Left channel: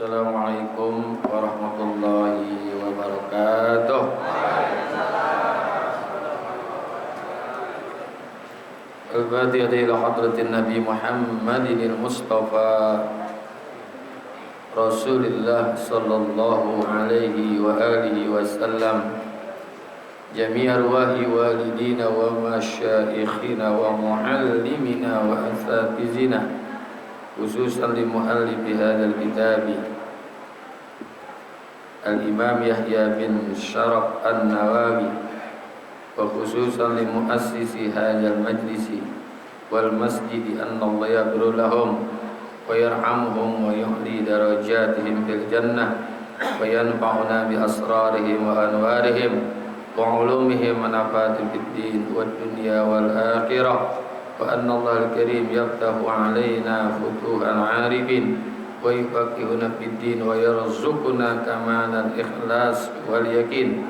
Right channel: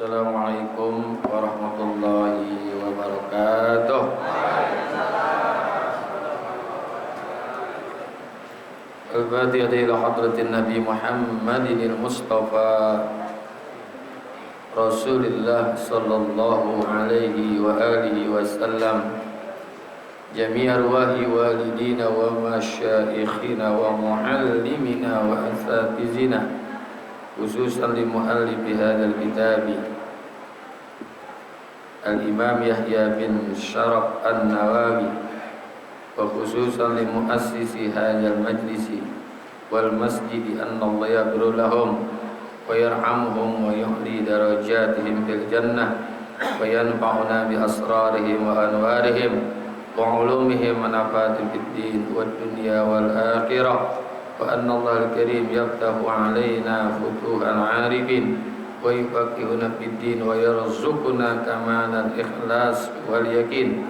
Assalamualaikum warahmatullahi wabarakatuh. Al-Fatihah ila hadratin Nabi Muhammadin al-Mustafa Rasulillah sallallahu alaihi wa alihi wasallam. Jami' arwahi walidina wa masyaikhina wa muallimina wa asatizina, khususan li muallifi hadzal kitab Al-Imam Yahya bin Syaraf An-Nawawi, wa khususan li muassisi hadzal majlisi wal masjid, anna Allah yaghfir lahum wa yarhamhum wa yuhli darajatihim fil jannah wa yanfa'una bi asrarihim wa anwarihim wa ulumihim wa nafatin fid din wad dunya wal akhirah. Wa anna Allah al-karim yaftahu alaina futuhan arifin wa yufaqqihuna fid din wa yarzuquna kamalan ikhlas wal yakin.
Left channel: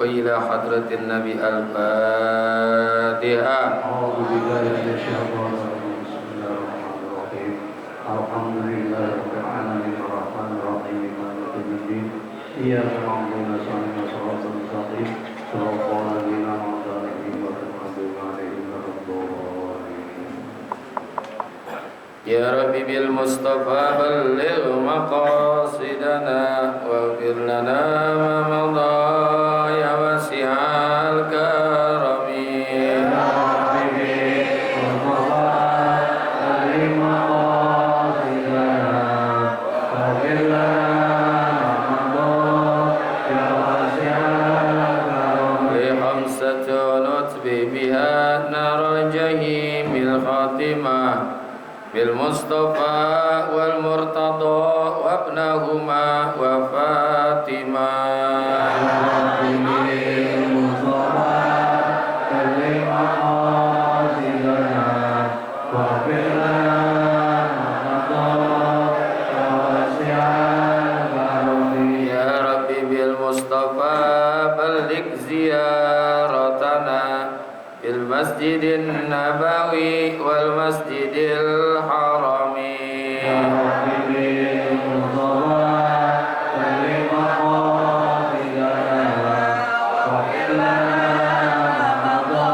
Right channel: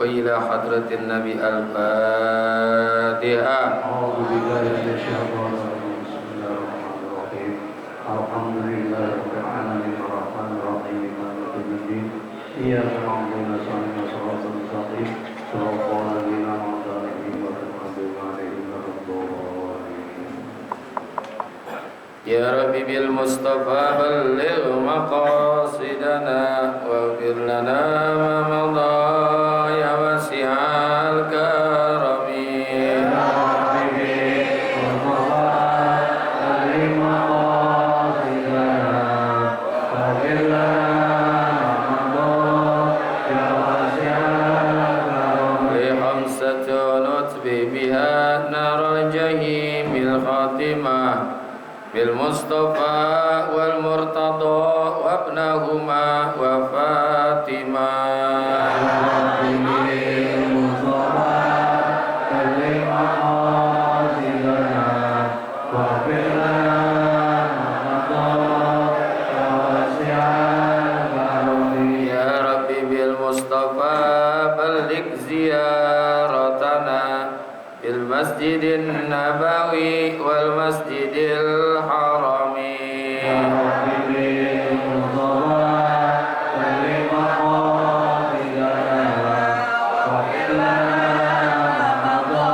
Wa ila hadratin nabi al-Fatihah. A'udzu billahi minasyaitonir rajim. Bismillahirrahmanirrahim. Alhamdulillahirabbil alamin arrahmanir rahim maliki yaumiddin. Iyyaka na'budu wa iyyaka nasta'in. Shiratal ladzina an'amta 'alaihim ghairil maghdubi 'alaihim waladdallin. Ya Rabbi bil Mustafa balligh maqasidana waghfir lana ma madha ya wasi'al karami. Ya Rabbi bil Mustafa balligh maqasidana waghfir lana ma madha ya wasi'al karami. Li khamsatun nutbi biha naral jahimil khatimah bil Mustafa wal Murtada wa ibnahuma wa Fatimah. Ya Rabbi bil Mustafa balligh maqasidana waghfir lana ma madha ya wasi'al karami. Ya Rabbi bil Mustafa balligh ziyaratana bil Masjidin Nabawi wal Masjidil Harami. Ya Rabbi bil Mustafa balligh maqasidana waghfir lana ma madha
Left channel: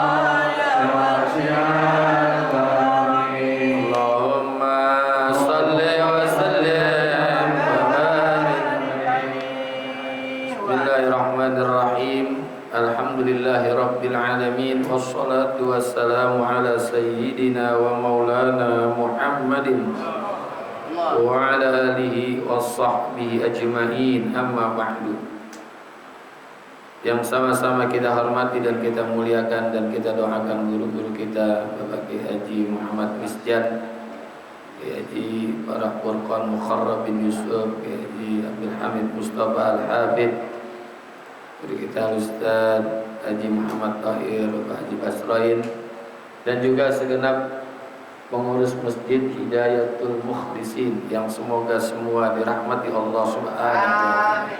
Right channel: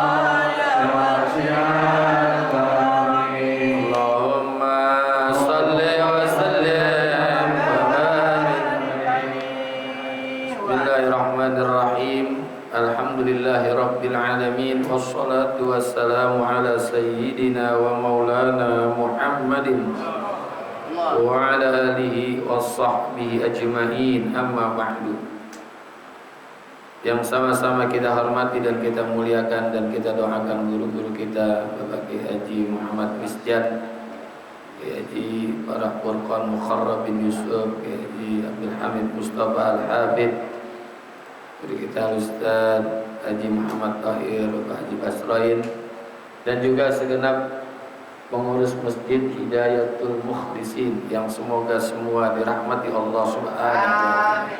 ya wasi'al karami. Allahumma salli wa sallim wa barik. Bismillahirrahmanirrahim. Alhamdulillahi rabbil alamin, wassalatu wassalamu ala sayyidina wa maulana Muhammadin wa ala alihi wa sahbihi ajma'in, amma ba'du. Yang sama-sama kita hormati dan kita muliakan dan kita doakan guru-guru kita, Bapak Kiai Haji Muhammad Misjad, Kiai Haji Farah Furqan Mukharrab bin Yusuf, Kiai Haji Abdul Hamid Mustafa Al-Hafidh, guru kita Ustaz Haji Muhammad Tahir, Bapak Haji Basrain, dan juga segenap pengurus Masjid Hidayatul Mukhlisin yang semoga semua dirahmati Allah Subhanahu wa taala.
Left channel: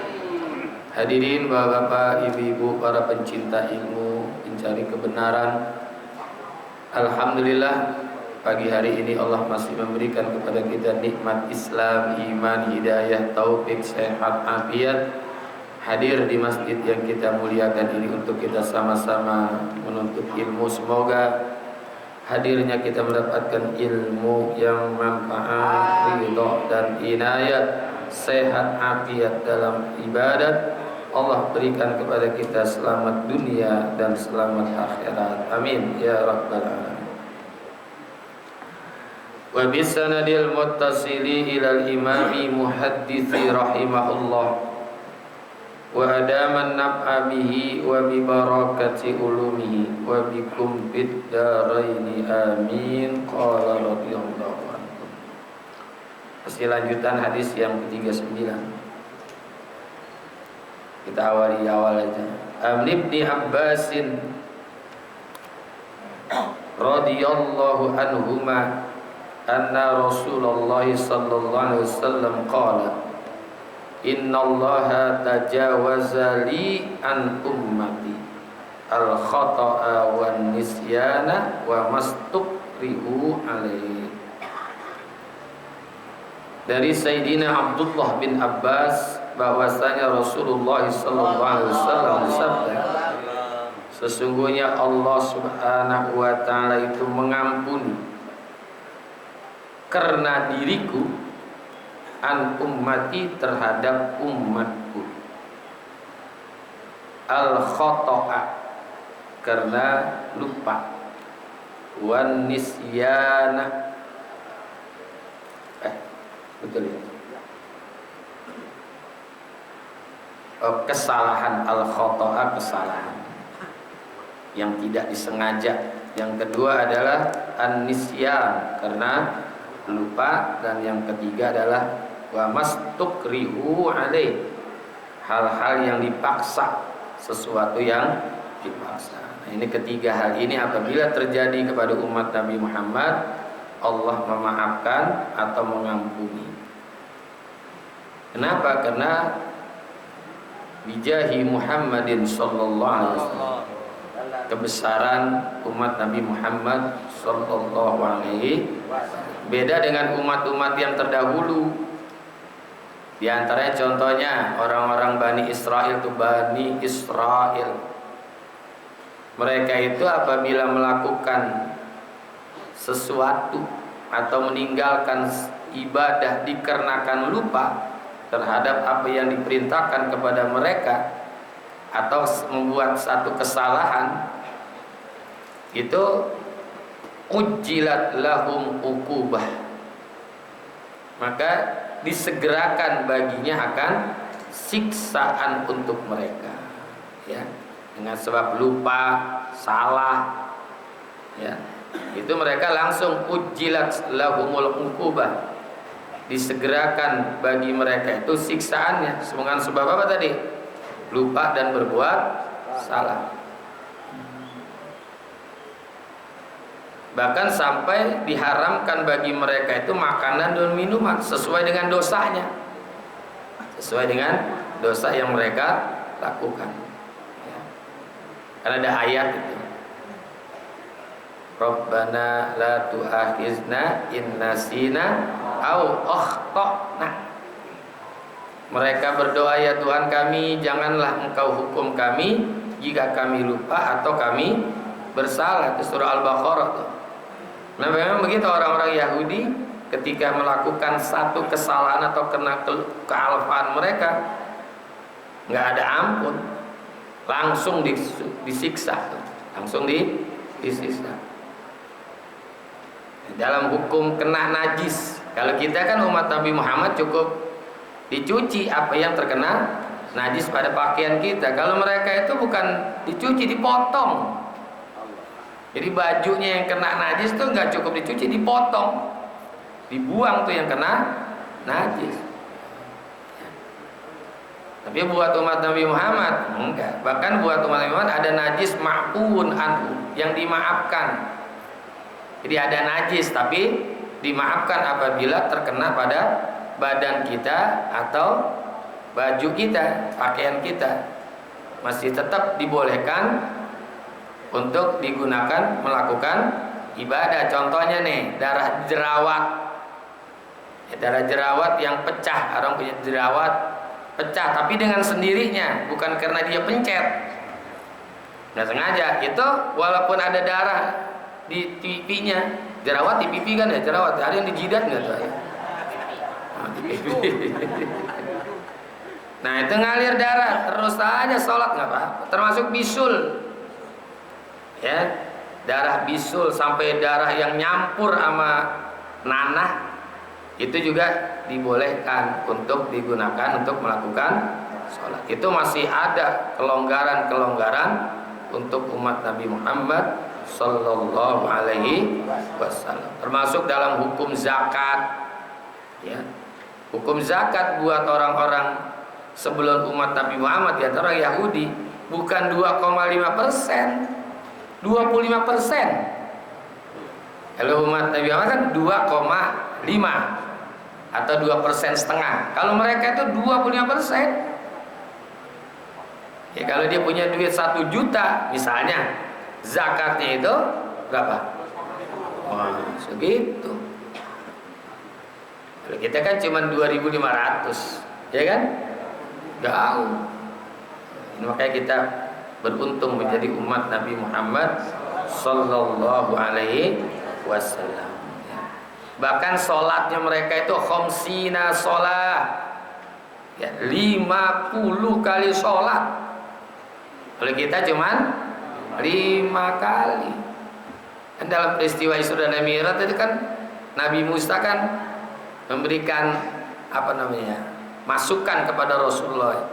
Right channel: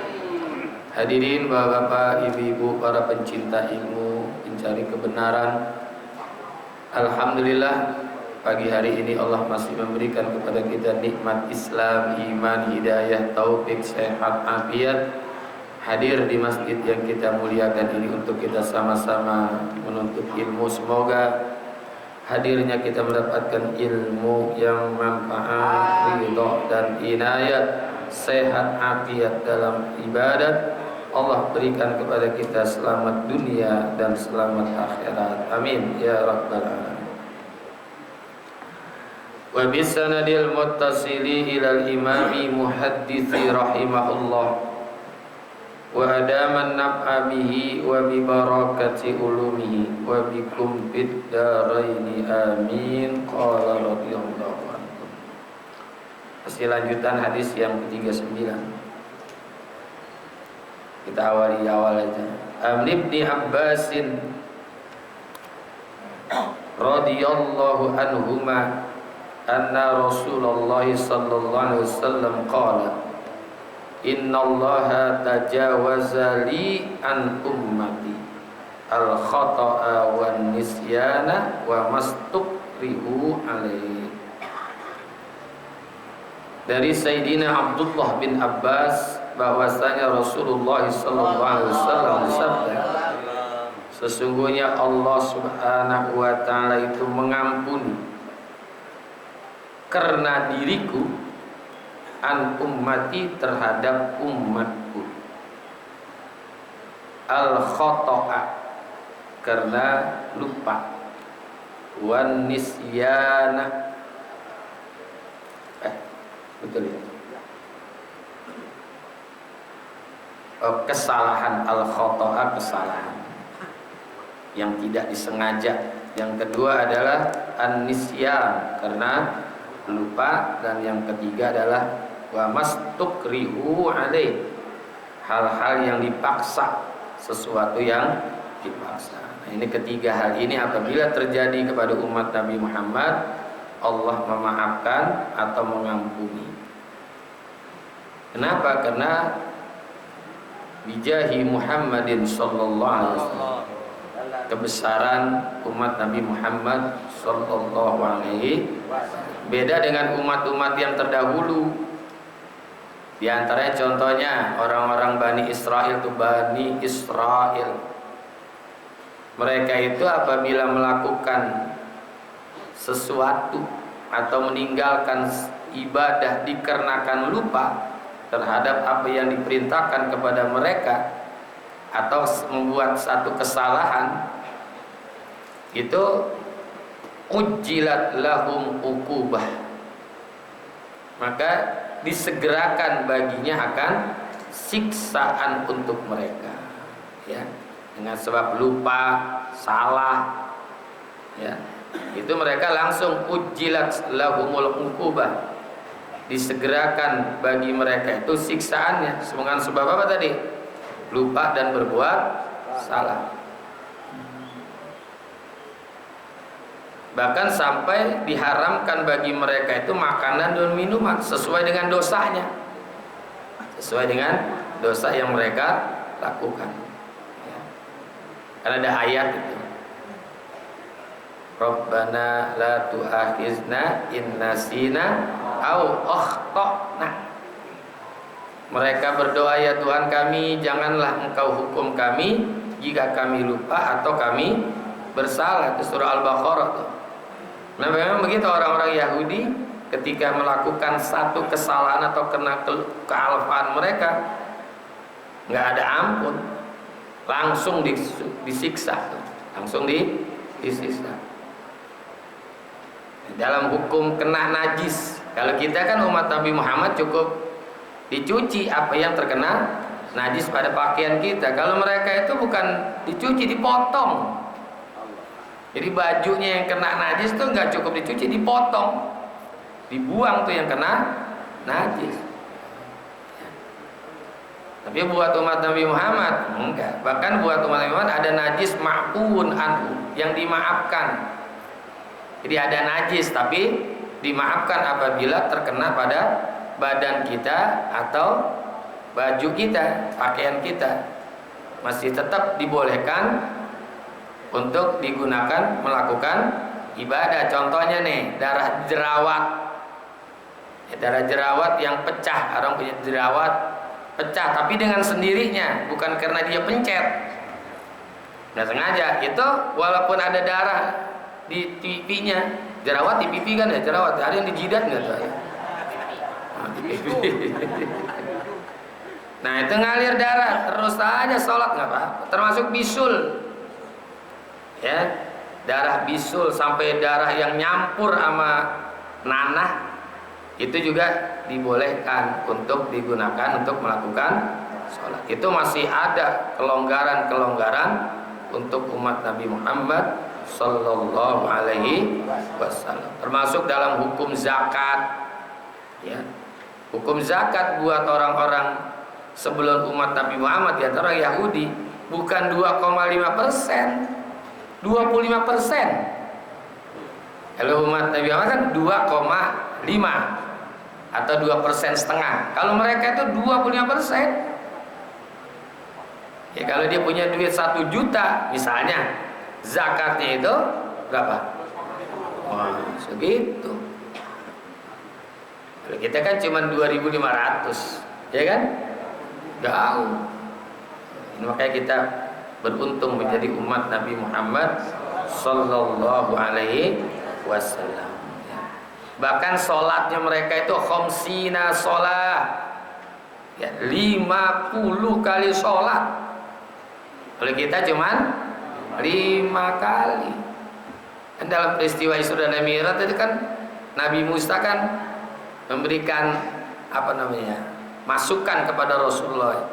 Hadirin bapak-bapak, ibu-ibu, para pencinta ilmu, pencari kebenaran. Alhamdulillah, pagi hari ini Allah masih memberikan kepada kita nikmat Islam, iman, hidayah, taufik, sehat, afiat, hadir di masjid yang kita muliakan ini untuk kita sama-sama menuntut ilmu. Semoga hadirnya kita mendapatkan ilmu yang manfaat, ridha dan inayat, sehat, afiat dalam ibadat. Allah berikan kepada kita selamat dunia dan selamat akhirat. Amin ya rabbal alamin. Wa bisanadil muttasili ilal imami muhadditsi rahimahullah wa adaman naf'a bihi wa bi barakati ulumihi wa bikum fid daraini amin. Qala radhiyallahu anhu. Masih lanjutan hadis yang ke-39. Kita awali awal aja. Ibni Abbasin radhiyallahu anhuma anna Rasulullah sallallahu alaihi wasallam qala innallaha tajawaza li an ummati al khata'a wan nisyana wa mastukrihu alaihi. dari Sayyidina Abdullah bin Abbas bahwasanya Rasulullah sallallahu alaihi wasallam bersabda, sesungguhnya Allah Subhanahu wa taala itu mengampuni karena diriku an ummati terhadap umatku, al khoto'a karena lupa, wan nisyana betul ya, kesalahan, al khoto'a kesalahan yang tidak disengaja. Yang kedua adalah an nisyan karena lupa, dan yang ketiga adalah wa mastukrihu alaih, hal-hal yang dipaksa, sesuatu yang dipaksa. Nah, ini ketiga hal ini apabila terjadi kepada umat Nabi Muhammad, Allah memaafkan atau mengampuni. Kenapa? Karena bijahi Muhammadin sallallahu alaihi wasallam, kebesaran umat Nabi Muhammad sallallahu alaihi wasallam. Beda dengan umat-umat yang terdahulu. Di antaranya contohnya orang-orang Bani Israel itu Bani Israel. Mereka itu apabila melakukan sesuatu atau meninggalkan ibadah dikarenakan lupa terhadap apa yang diperintahkan kepada mereka atau membuat satu kesalahan, itu ujjilat lahum uqubah, maka disegerakan baginya akan siksaan untuk mereka, ya, dengan sebab lupa, salah, ya, itu mereka langsung ujjilat lahumul uqubah, disegerakan bagi mereka itu siksaannya dengan sebab apa tadi? Lupa dan berbuat salah. Bahkan sampai diharamkan bagi mereka itu makanan dan minuman sesuai dengan dosanya, sesuai dengan dosa yang mereka lakukan, ya. Karena ada ayat itu, Rabbana la tu'akhizna in nasina au akhtana. Mereka berdoa, ya Tuhan kami, janganlah Engkau hukum kami jika kami lupa atau kami bersalah. Itu surah Al-Baqarah tuh. Nah, memang begitu orang-orang Yahudi ketika melakukan satu kesalahan atau kena kealfaan mereka, nggak ada ampun, langsung disiksa, langsung disiksa. Dalam hukum kena najis, kalau kita kan umat Nabi Muhammad cukup dicuci apa yang terkena najis pada pakaian kita. Kalau mereka itu bukan dicuci, dipotong. Jadi bajunya yang kena najis tuh nggak cukup dicuci, dipotong, dibuang tuh yang kena najis. Tapi buat umat Nabi Muhammad enggak. Bahkan buat umat Nabi Muhammad ada najis ma'fun anhu, yang dimaafkan. Jadi ada najis tapi dimaafkan apabila terkena pada badan kita atau baju kita, pakaian kita. Masih tetap dibolehkan untuk digunakan melakukan ibadah. Contohnya nih, darah jerawat, ya, darah jerawat yang pecah. Orang punya jerawat pecah tapi dengan sendirinya, bukan karena dia pencet, nggak sengaja. Itu walaupun ada darah di pipinya, jerawat di pipi kan ya, jerawat ada yang di jidat nggak tuh ya? Nah itu ngalir darah terus aja sholat nggak apa-apa, termasuk bisul. Ya, darah bisul sampai darah yang nyampur sama nanah itu juga dibolehkan untuk digunakan untuk melakukan sholat. Itu masih ada kelonggaran-kelonggaran untuk umat Nabi Muhammad Sallallahu Alaihi Wasallam. Termasuk dalam hukum zakat, ya. Hukum zakat buat orang-orang sebelum umat Nabi Muhammad, ya, orang Yahudi, bukan 2,5%. 25%. Kalau umat Nabi Muhammad kan 2,5 atau 2,5%. Kalau mereka itu 25%. Ya, kalau dia punya duit 1 juta misalnya, zakatnya itu berapa? Wah, segitu. Kalau kita kan cuma 2.500, ya kan? Jauh. Makanya kita beruntung menjadi umat Nabi Muhammad sallallahu alaihi wasallam. Bahkan sholatnya mereka itu khamsina sholat, ya, 50 kali sholat. Kalau kita cuman 5 kali. Dan dalam peristiwa Isra dan Mi'raj itu kan Nabi Musa kan memberikan masukan kepada Rasulullah.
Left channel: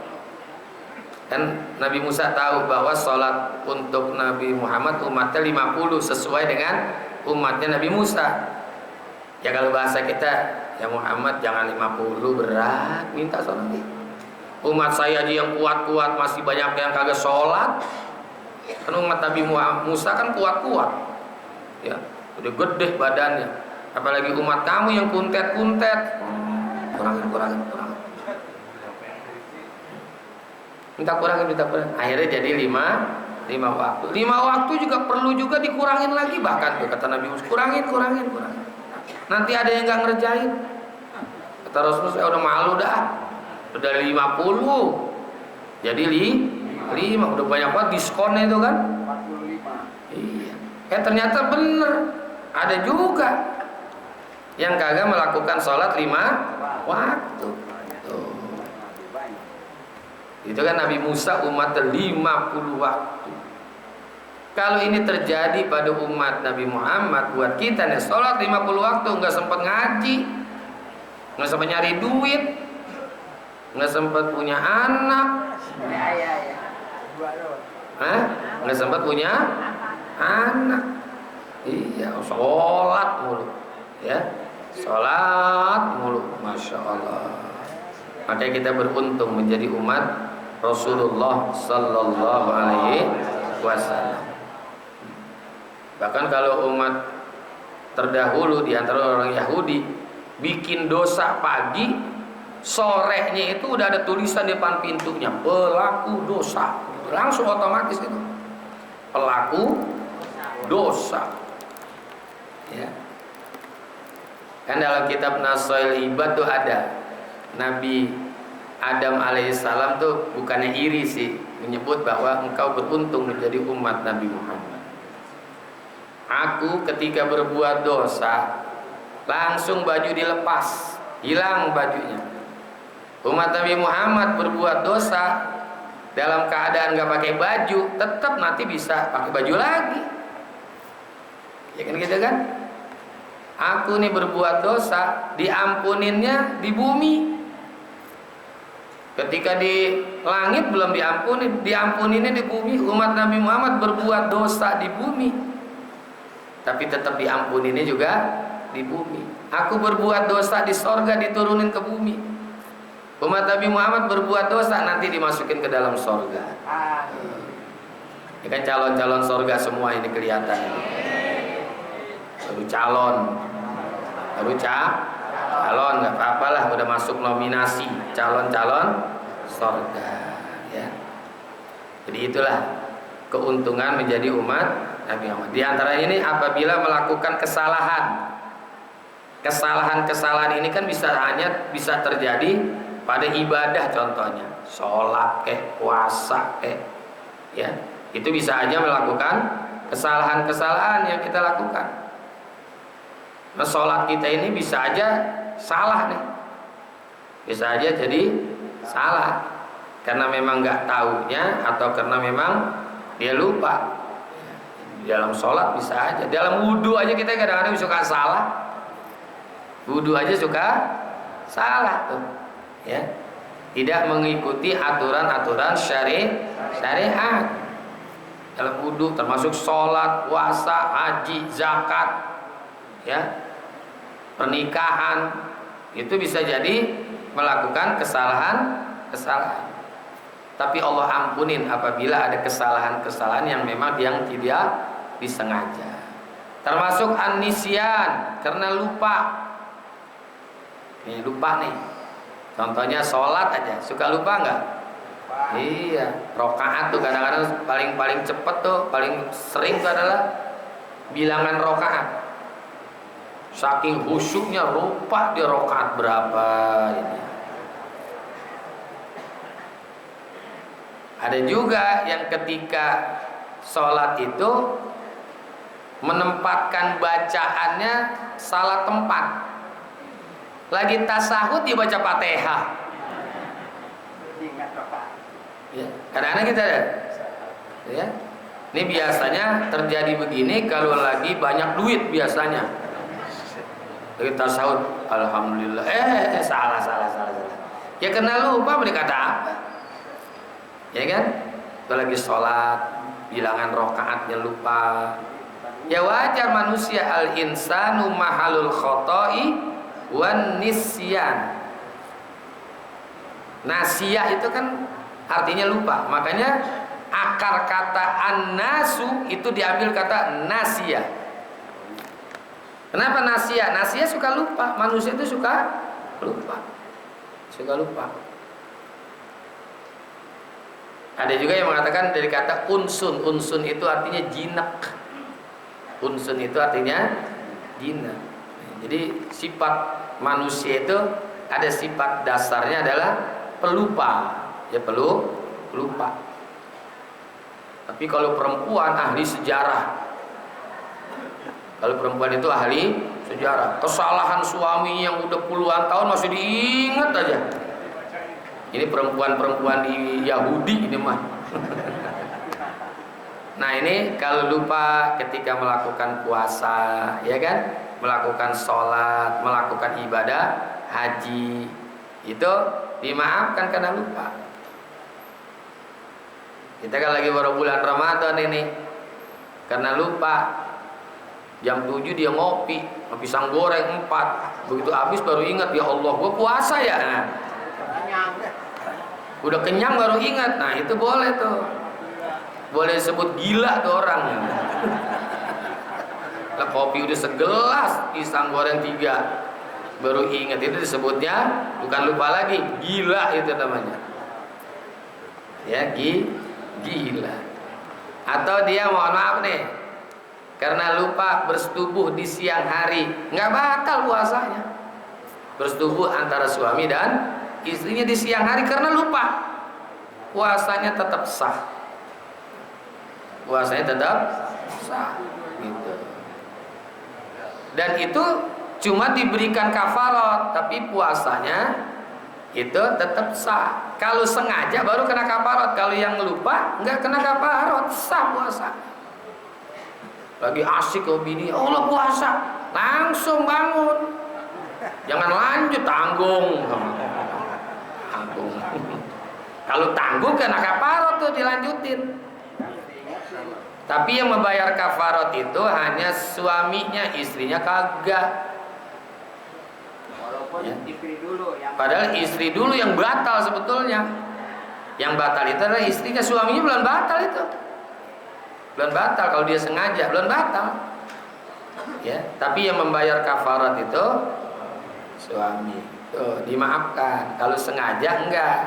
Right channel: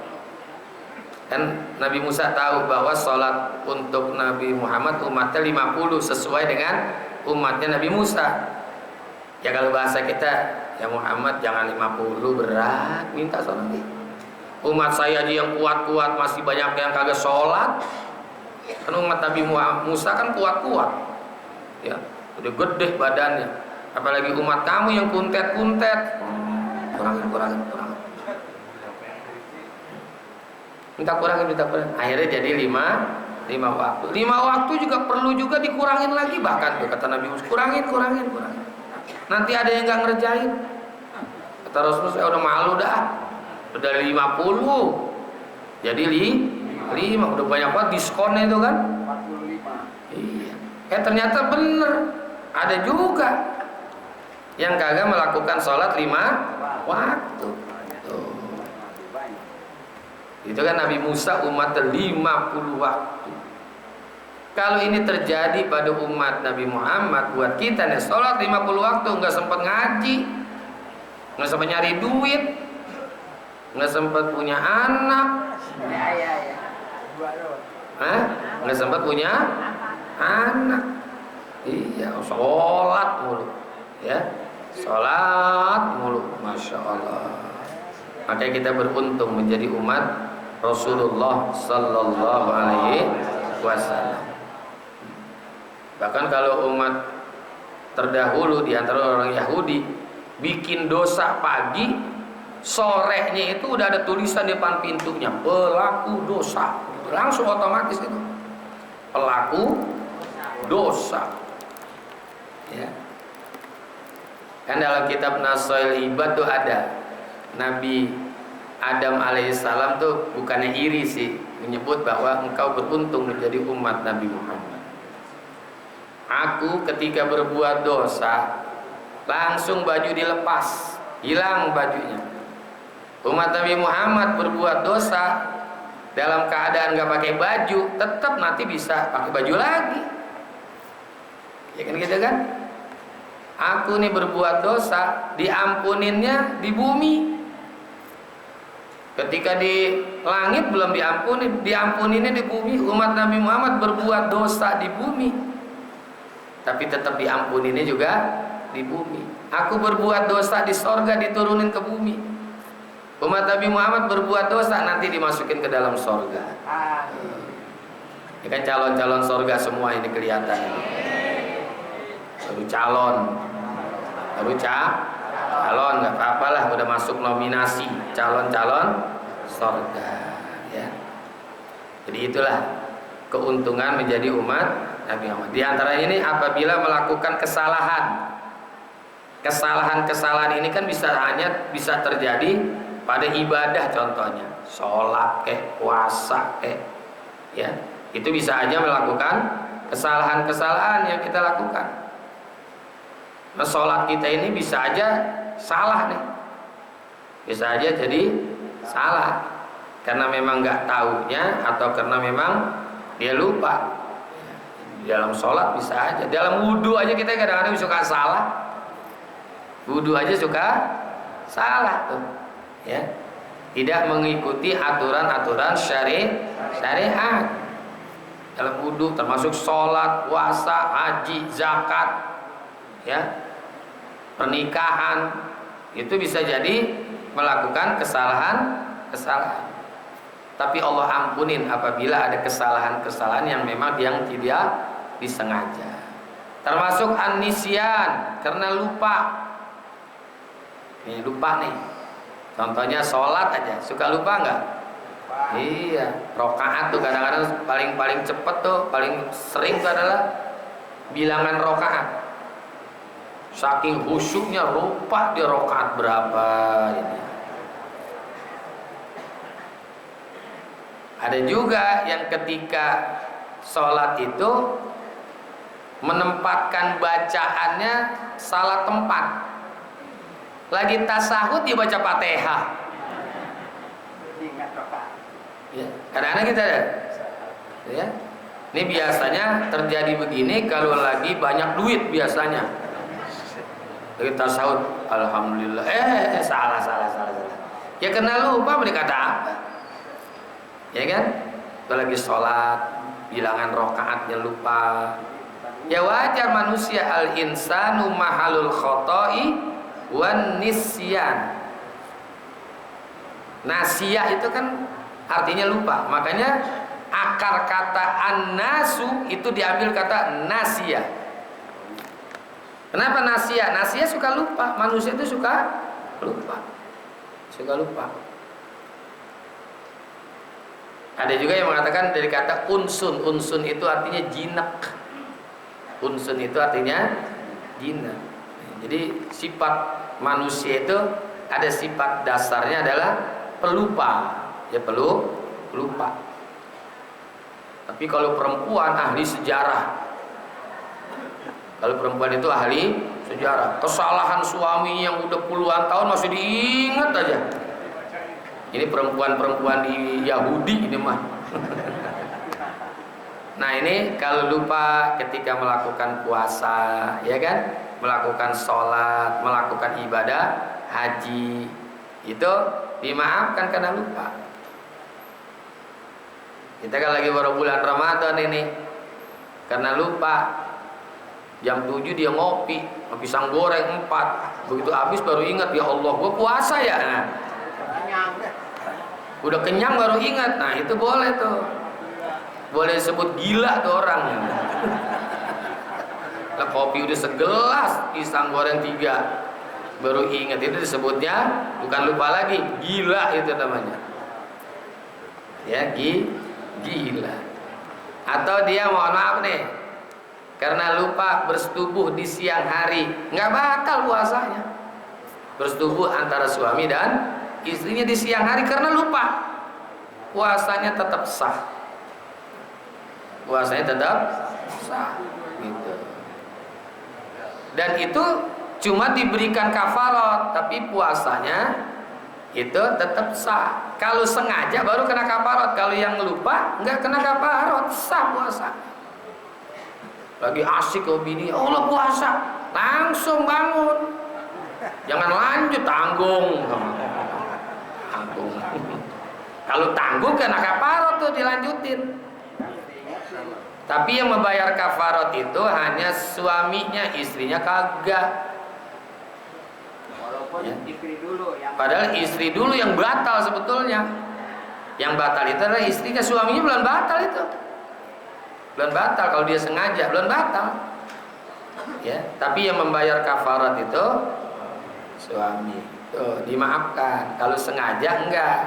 Dan Nabi Musa tahu bahwa sholat untuk Nabi Muhammad umatnya 50 sesuai dengan umatnya Nabi Musa. Ya kalau bahasa kita, ya Muhammad jangan 50, berat, minta sholat. Umat saya aja yang kuat-kuat masih banyak yang kagak sholat. Kan umat Nabi Musa kan kuat-kuat, ya udah gede badannya. Apalagi umat kamu yang kuntet-kuntet, kurangin. Minta kurangin. Akhirnya jadi 5 waktu. 5 waktu juga perlu juga dikurangin lagi, bahkan tuh kata Nabi Musa, kurangin. Nanti ada yang nggak ngerjain. Kata Rasulullah, saya udah malu dah. Udah 50 jadi 5, udah banyak banget diskonnya itu kan. 45. Iya. Ternyata bener, ada juga yang kagak melakukan sholat 5 waktu. Tuh. Itu kan Nabi Musa umat 50 waktu. Kalau ini terjadi pada umat Nabi Muhammad, buat kita nih sholat 50 waktu, nggak sempat ngaji, nggak sempat nyari duit, nggak sempat punya anak, nggak sempat punya anak. Iya, sholat mulu, ya, sholat mulu, masya Allah. Makanya kita beruntung menjadi umat Rasulullah Sallallahu Alaihi Wasallam. Bahkan kalau umat terdahulu di antara orang Yahudi bikin dosa pagi, sorenya itu udah ada tulisan di depan pintunya, pelaku dosa, langsung otomatis itu pelaku dosa, ya. Kan dalam kitab Nasail Ibad tuh ada Nabi Adam alaihissalam tuh bukannya iri sih, menyebut bahwa engkau beruntung menjadi umat Nabi Muhammad. Aku ketika berbuat dosa langsung baju dilepas, hilang bajunya. Umat Nabi Muhammad berbuat dosa dalam keadaan gak pakai baju, tetap nanti bisa pakai baju lagi. Ya kan gitu kan? Aku nih berbuat dosa, diampuninnya di bumi. Ketika di langit belum diampuninnya di bumi. Umat Nabi Muhammad berbuat dosa di bumi, tapi tetap diampuninnya juga di bumi. Aku berbuat dosa di sorga, diturunin ke bumi. Umat Nabi Muhammad berbuat dosa, nanti dimasukin ke dalam sorga. Ini kan calon-calon sorga semua ini kelihatan. Baru calon, nggak apa-apa lah, udah masuk nominasi calon-calon sorga, ya. Jadi itulah keuntungan menjadi umat Nabi Muhammad. Di antara ini apabila melakukan kesalahan ini kan bisa terjadi pada ibadah, contohnya sholat puasa ya, itu bisa aja melakukan kesalahan yang kita lakukan. Nah, sholat kita ini bisa aja salah nih, bisa aja jadi salah karena memang nggak taunya atau karena memang dia lupa. Dalam sholat bisa aja, dalam wudhu aja kita kadang-kadang suka salah. Wudhu aja suka salah tuh, ya, tidak mengikuti aturan-aturan syariat dalam wudhu, termasuk sholat, puasa, haji, zakat, ya, pernikahan, itu bisa jadi melakukan kesalahan. Tapi Allah ampunin apabila ada kesalahan yang memang yang tidak disengaja. Termasuk an-nisyan, karena lupa. Lupa nih. Contohnya sholat aja, suka lupa nggak? Iya, rokaat tuh kadang-kadang paling cepet tuh, paling sering tuh adalah bilangan rokaat. Saking khusyuknya lupa di rakaat berapa ini. Ada juga yang ketika sholat itu menempatkan bacaannya salah tempat. Lagi tasahud dia baca Fatihah. Ya, kadang-kadang kita ada. Ya. Ini biasanya terjadi begini kalau lagi banyak duit biasanya. Lagi tasahud, alhamdulillah. Salah. Ya kena lupa berkata apa? Ya kan? Kalau lagi sholat, bilangan rakaatnya lupa. Ya wajar manusia, al insanu mahalul khoto'i wan nisyan. Nasiyah itu kan artinya lupa. Makanya akar kata an-nasu itu diambil kata nasiyah. Kenapa nasiyah? Nasiyah suka lupa. Manusia itu suka lupa. Ada juga yang mengatakan dari kata unsun. Unsun itu artinya jinak. Unsun itu artinya jinak. Jadi sifat manusia itu ada sifat dasarnya adalah pelupa. Ya pelupa. Tapi kalau perempuan ahli sejarah. Kalau perempuan itu ahli sejarah. Kesalahan suami yang udah puluhan tahun masih diingat aja. Ini perempuan-perempuan di Yahudi ini mah. Nah ini kalau lupa ketika melakukan puasa, ya kan, melakukan sholat, melakukan ibadah haji, itu dimaafkan karena lupa. Kita kan lagi baru bulan Ramadan ini, karena lupa jam 7 dia ngopi pisang goreng 4, begitu habis baru ingat, ya Allah gua puasa ya. Nah, udah kenyang baru ingat. Nah itu boleh tuh, boleh disebut gila tuh orang. Nah, kopi udah segelas, pisang goreng 3 baru ingat, itu disebutnya bukan lupa lagi, gila itu namanya. Ya gila. Atau dia mohon maaf nih, karena lupa bersetubuh di siang hari, nggak batal puasanya. Bersetubuh antara suami dan istrinya di siang hari karena lupa, puasanya tetap sah. Puasanya tetap sah gitu. Dan itu cuma diberikan kafarat, tapi puasanya itu tetap sah. Kalau sengaja baru kena kafarat, kalau yang lupa nggak kena kafarat, sah puasa. Lagi asik ke bini, Allah puasa, langsung bangun, jangan lanjut tanggung. Kalau tanggung kena kafarat tuh dilanjutin. Tapi yang membayar kafarat itu hanya suaminya, istrinya kagak. Ya. Padahal istri dulu yang batal sebetulnya. Yang batal itu adalah istrinya, suaminya belum batal itu. Belum batal kalau dia sengaja, belum batal. Ya, tapi yang membayar kafarat itu suami. Tuh, dimaafkan. Kalau sengaja enggak.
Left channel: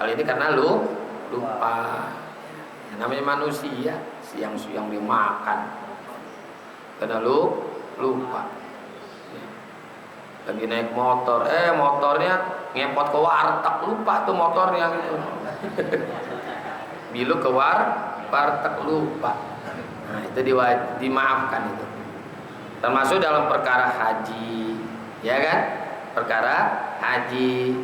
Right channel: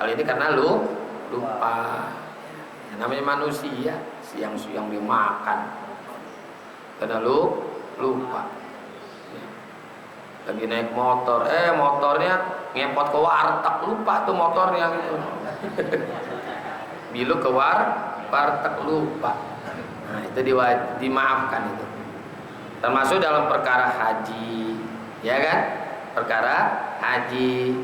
Kalau ini karena lupa. Ya, namanya manusia, siang-siang dia makan. Karena lupa. Lagi naik motor, motornya ngepot ke warteg, lupa tuh motornya gitu. Bilu ke warteg lupa. Nah, itu dimaafkan itu. Termasuk dalam perkara haji, ya kan? Perkara haji.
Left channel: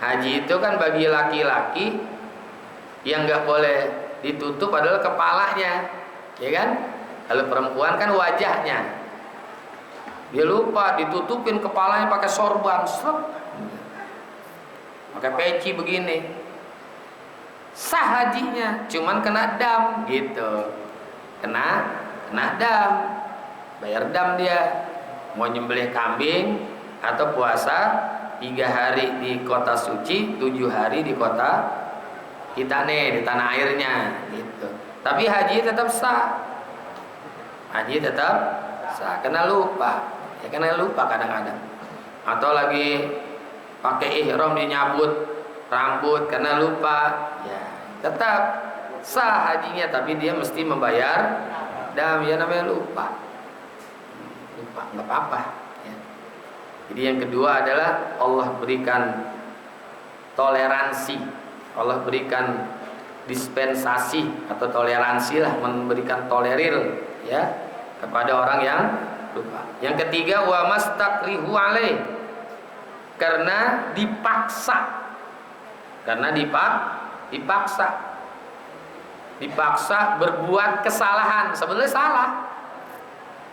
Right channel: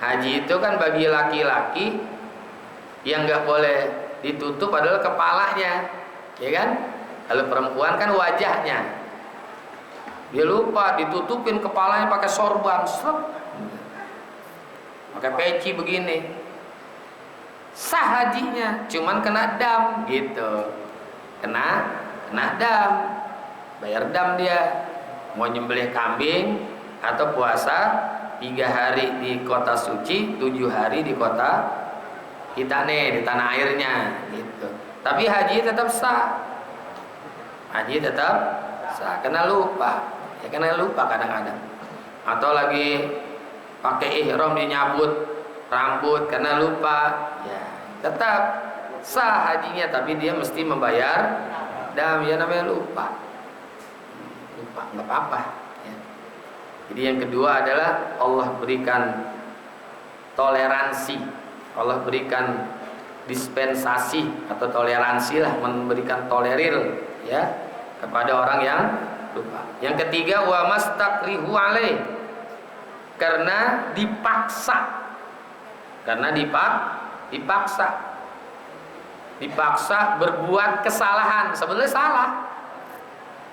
Haji itu kan bagi laki-laki yang nggak boleh ditutup adalah kepalanya, ya kan? Kalau perempuan kan wajahnya. Dia lupa ditutupin kepalanya pakai sorban, pakai peci begini. Sah hajinya, cuman kena dam gitu. Kena dam. Bayar dam dia. Mau nyembelih kambing atau puasa 3 hari di kota suci, 7 hari di kota kita nih, di tanah airnya gitu. Tapi haji tetap sah. Haji tetap sah, kena lupa. Ya kena lupa kadang-kadang. Atau lagi pakai ihram dinyabut rambut karena lupa, ya tetap sah hajinya, tapi dia mesti membayar dam, ya namanya lupa. lupa, nggak apa-apa. Ya. Jadi yang kedua adalah Allah berikan toleransi, Allah berikan dispensasi atau toleransi lah, memberikan tolerir ya kepada orang yang lupa. Yang ketiga wa mastakrihu alaih, karena dipaksa, dipaksa berbuat kesalahan, sebenarnya salah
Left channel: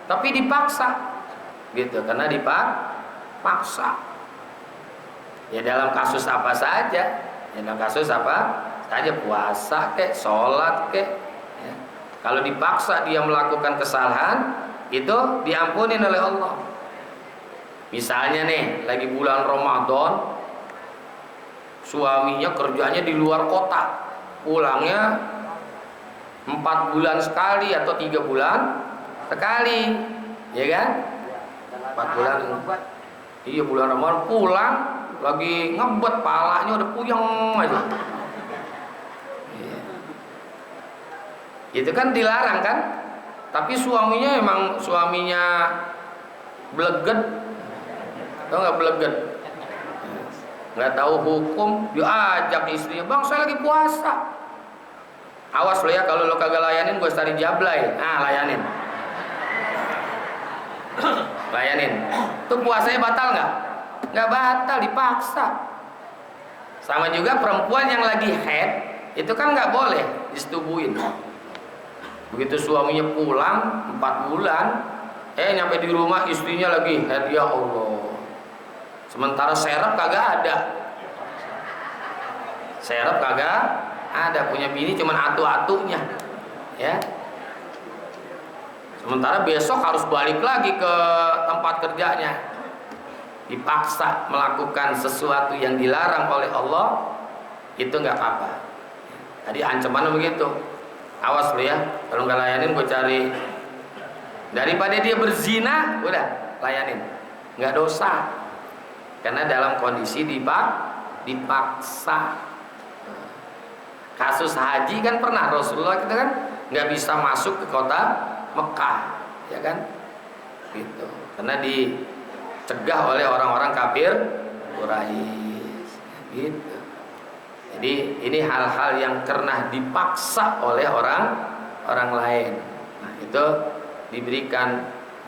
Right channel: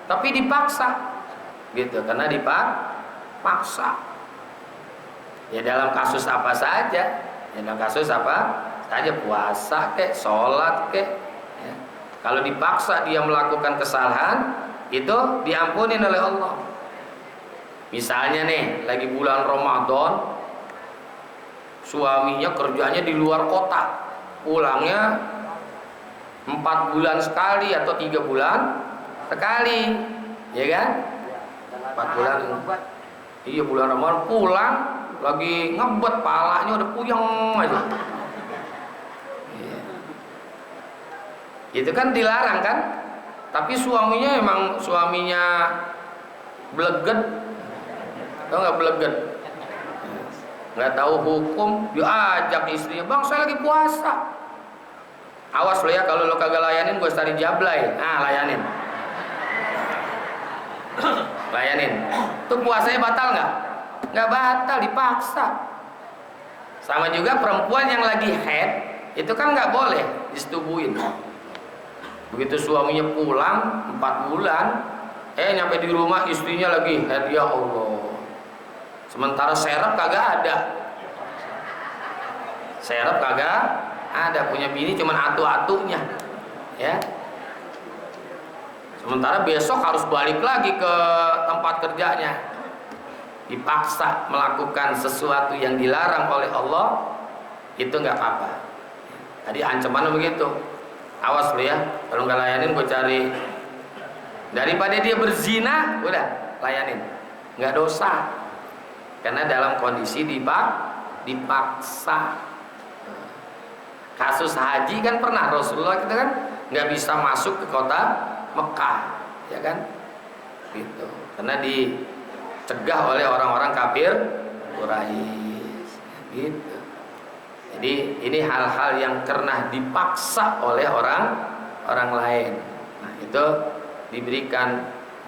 tapi dipaksa gitu, karena dipaksa. Ya dalam kasus apa saja, puasa kek, sholat kek ya. Kalau dipaksa dia melakukan kesalahan, itu diampunin oleh Allah. Misalnya nih lagi bulan Ramadan, suaminya kerjanya di luar kota, pulangnya 4 bulan sekali atau 3 bulan sekali, ya kan? 4 bulan. Iya, bulan Ramadan pulang lagi ngebet, palanya udah puyeng aja. Iya. Itu kan dilarang kan? Tapi suaminya bleget. Tahu nggak bleget? Nggak tahu hukum, diajak istrinya, bang saya lagi puasa. Awas lo ya, kalau lo kagak layanin gue cari jablay. Nah layanin. Tuh puasanya batal nggak? Nggak batal, dipaksa. Sama juga perempuan yang lagi haid, itu kan nggak boleh disetubuhin. Begitu suaminya pulang 4 bulan, nyampe di rumah istrinya lagi haid, ya Allah. Sementara serep kagak ada, punya bini cuman atu-atunya, ya. Sementara besok harus balik lagi ke tempat kerjanya, dipaksa melakukan sesuatu yang dilarang oleh Allah, itu nggak apa-apa. Tadi ancamannya begitu, awas lu ya, kalau nggak layanin gue cari. Daripada dia berzina, udah layanin, nggak dosa, karena dalam kondisi dipaksa. Kasus haji kan pernah Rasulullah kita kan nggak bisa masuk ke kota Mekah, ya kan? Gitu. Karena dicegah oleh orang-orang kafir Quraisy. Gitu. Jadi ini hal-hal yang pernah dipaksa oleh orang lain. Nah, itu diberikan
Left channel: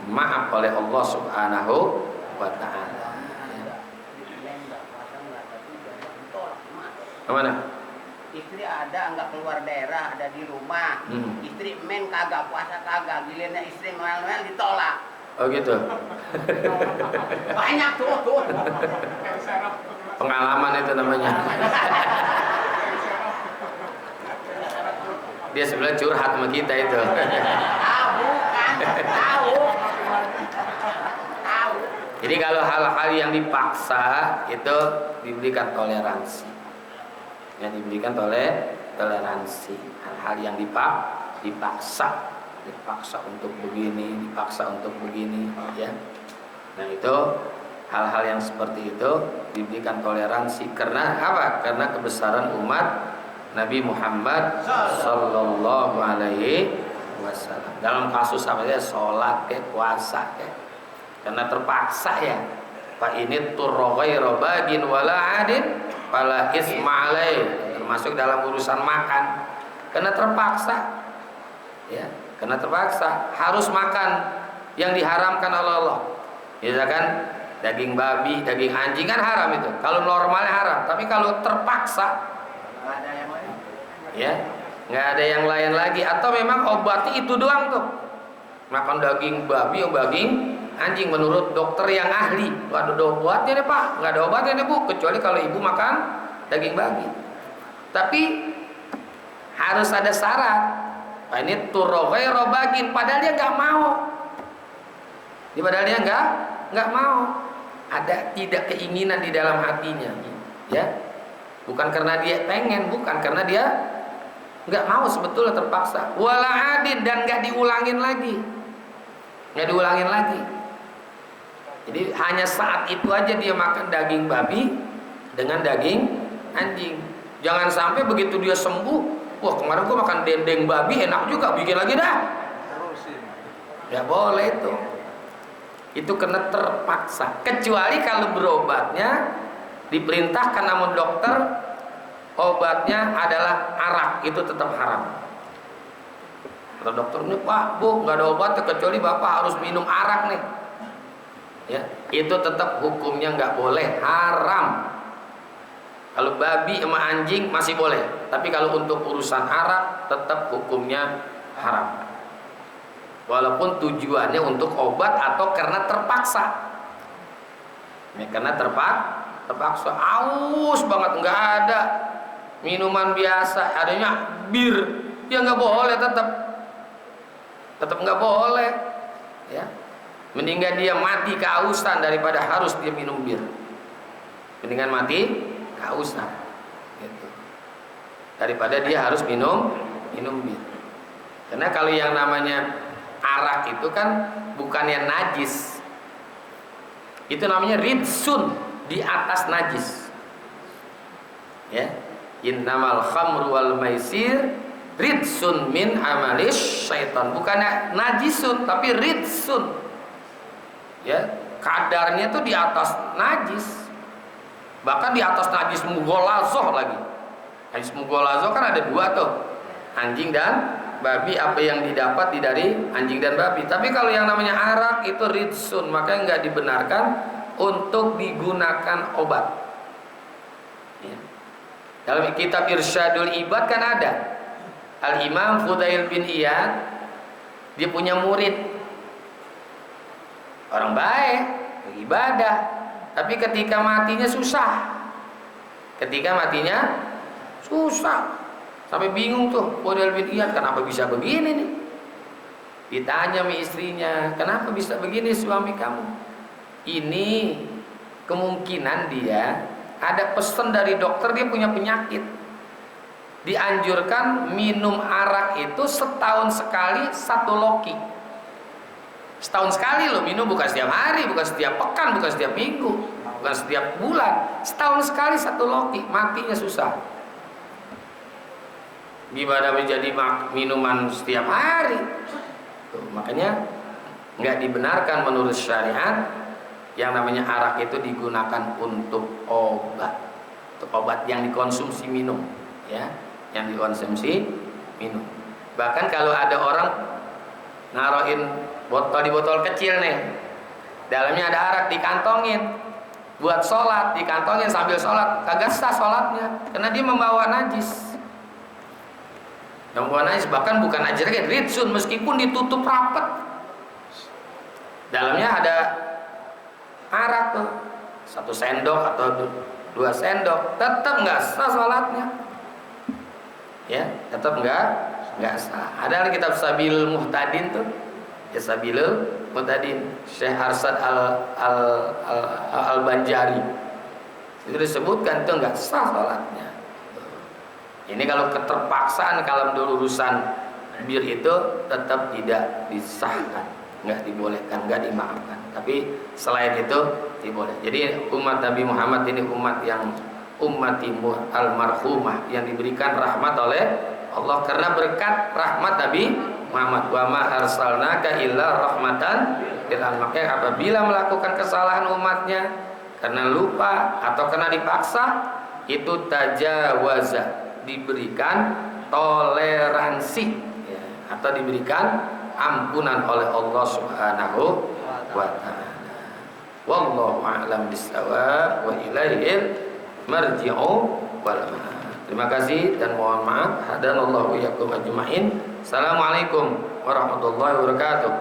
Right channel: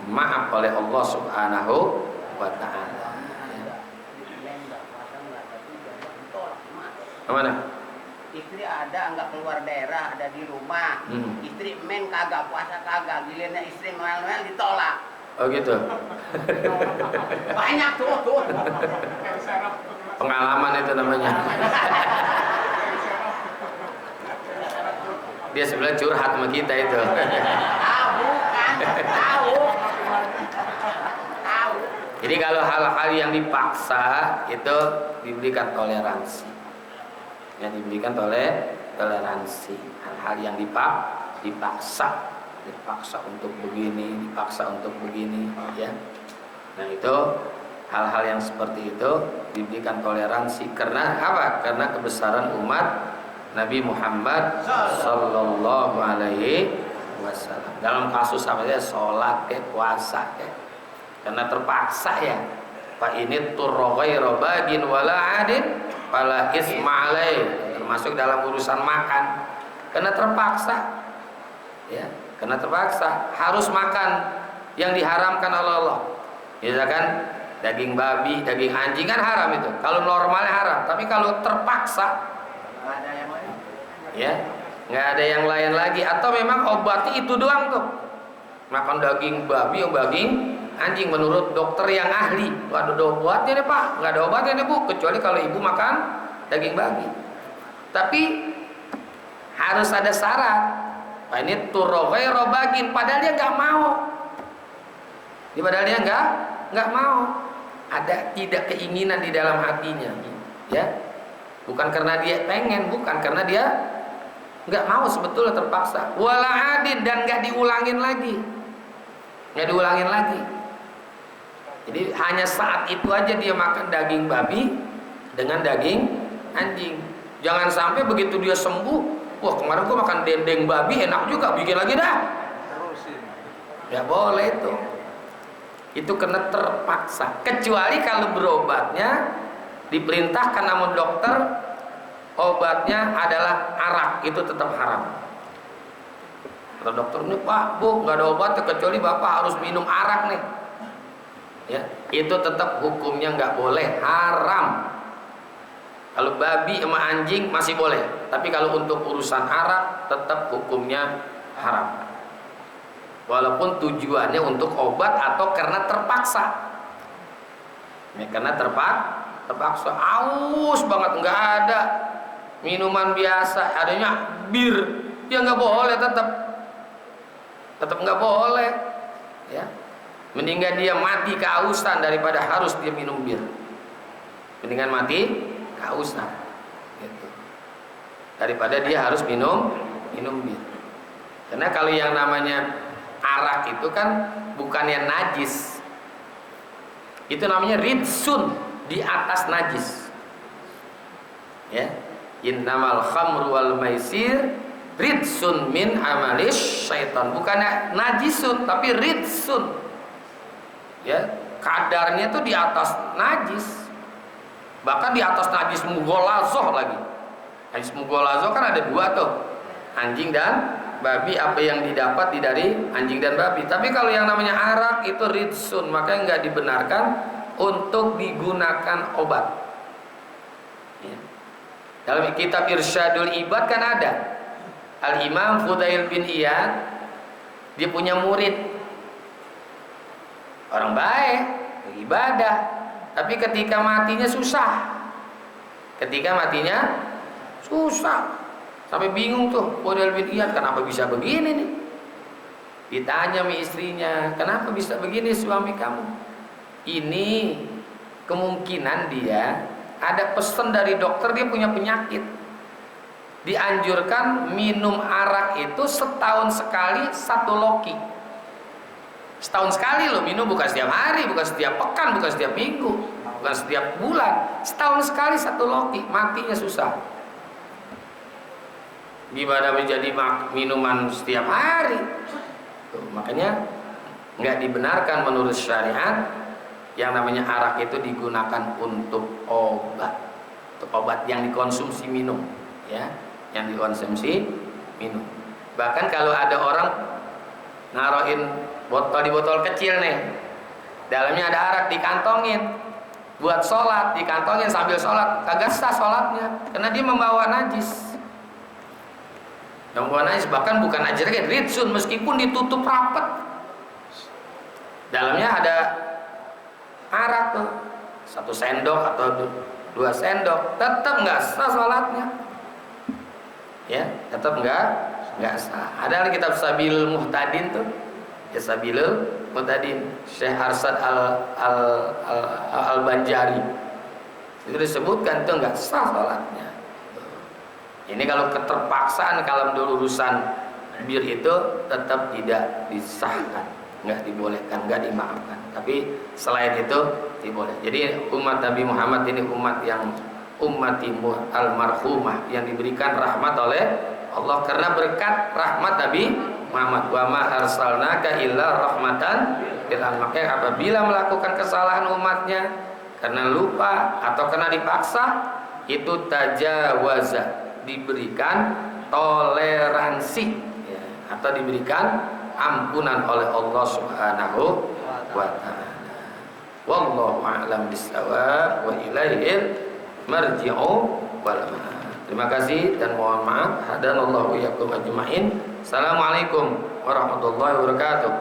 maaf oleh Allah Subhanahu wa taala. Kemana? Istri ada nggak keluar daerah, ada di rumah. Istri men kagak puasa kagak, gilirannya istri noel-noel ditolak. Oh gitu. Banyak tuh. Pengalaman itu namanya. Dia sebenarnya curhat sama kita itu. Tahu. Jadi kalau hal-hal yang dipaksa itu diberikan toleransi. Yang diberikan toleransi, hal-hal yang dipaksa untuk begini, ya. Nah itu hal-hal yang seperti itu diberikan toleransi karena apa? Karena kebesaran umat Nabi Muhammad Sallallahu Alaihi Wasallam. Dalam kasus apa ya, sholat ke puasa ke, karena terpaksa ya. Fa ini turghaira bagin wala adin fala isma alaih, termasuk dalam urusan makan, karena terpaksa ya, karena terpaksa harus makan yang diharamkan oleh Allah. Misalkan daging babi, daging anjing kan haram itu, kalau normalnya haram, tapi kalau terpaksa Nggak ada yang lain. ya, nggak ada yang lain lagi, atau memang obatnya itu doang tuh, makan daging babi atau daging anjing menurut dokter yang ahli. Ada obatnya deh pak, nggak ada obatnya deh bu, kecuali kalau ibu makan daging babi. Tapi harus ada syarat. Pak ini turghaira bagin, padahal dia nggak mau. Padahal dia nggak mau. Ada tidak keinginan di dalam hatinya, ya. Bukan karena dia pengen, bukan karena dia nggak mau, sebetulnya terpaksa. Wala adin, dan nggak diulangin lagi. Jadi hanya saat itu aja dia makan daging babi dengan daging anjing. Jangan sampai begitu dia sembuh, wah kemarin gua makan dendeng babi enak juga, bikin lagi dah. Ya boleh itu. Itu kena terpaksa. Kecuali kalau berobatnya diperintahkan namun dokter obatnya adalah arak, itu tetap haram. Kata dokternya, Pak, Bu, nggak ada obat kecuali Bapak harus minum arak nih. Ya, itu tetap hukumnya nggak boleh, haram. Kalau babi sama anjing masih boleh, tapi kalau untuk urusan arak tetap hukumnya haram. Walaupun tujuannya untuk obat atau karena terpaksa. Ya, karena terpaksa, aus banget, nggak ada minuman biasa, adanya bir, ya nggak boleh, tetap nggak boleh. Ya, mendingan dia mati kehausan daripada harus dia minum bir. Mendingan mati kehausan, gitu, daripada dia harus minum bir. Karena kalau yang namanya arak itu kan bukannya najis, itu namanya ridsun, di atas najis. Ya, innamal khamru wal maisir ridsun min amalis syaitan, bukannya najisun tapi ridsun. Ya, kadarnya itu di atas najis, bahkan di atas najis mughalazoh lagi. Najis mughalazoh kan ada dua tuh, anjing dan babi, apa yang didapat dari anjing dan babi. Tapi kalau yang namanya arak itu ridsun, maka nggak dibenarkan untuk digunakan obat. Ya. Dalam kitab Irsyadul Ibad kan ada Al-Imam Fudail bin Iyad, dia punya murid, orang baik, ibadah, tapi ketika matinya susah. Sampai bingung tuh Fudail bin Iyad, kenapa bisa begini nih? Ditanya sama istrinya, kenapa bisa begini suami kamu? Ini kemungkinan dia ada pesan dari dokter, dia punya penyakit. Dianjurkan minum arak itu setahun sekali 1 loki. Setahun sekali loh minum, bukan setiap hari, bukan setiap pekan, bukan setiap minggu, bukan setiap bulan. Setahun sekali 1 loki, matinya susah. Gimana menjadi minuman setiap hari? Tuh, makanya nggak dibenarkan menurut syariat yang namanya arak itu digunakan untuk obat yang dikonsumsi minum, ya, yang dikonsumsi minum. Bahkan kalau ada orang naruhin botol di botol kecil nih, dalamnya ada arak, dikantongin buat sholat, dikantongin sambil sholat, kagak sah sholatnya karena dia membawa najis. Yang membawa najis bahkan bukan aja ridsun, meskipun ditutup rapat, dalamnya ada arak tuh 1 sendok atau 2 sendok, tetap nggak sah sholatnya. Ya, tetap nggak sah. Ada kitab Sabilul Muhtadin tuh, ya, Sabilul Muhtadin Syekh Arsad al-Banjari, itu disebutkan itu nggak sah sholatnya. Ini kalau keterpaksaan, kalau urusan bir itu tetap tidak disahkan, nggak dibolehkan, nggak dimaafkan. Tapi selain itu diboleh. Jadi umat Nabi Muhammad ini umat yang ummatimu almarhumah, yang diberikan rahmat oleh Allah karena berkat rahmat Nabi Muhammad. Wa ma arsalnaka illa rahmatan lil alamin. Maka apabila melakukan kesalahan umatnya karena lupa atau karena dipaksa, itu tajawaza, diberikan toleransi, ya, atau diberikan ampunan oleh Allah Subhanahu wa ta'ala. Wallahu a'lam bissawab wa ilaihil marji'u wal ma'ab. Terima kasih dan mohon maaf. Hadanallahu iyyakum ajmain. Assalamualaikum warahmatullahi wabarakatuh.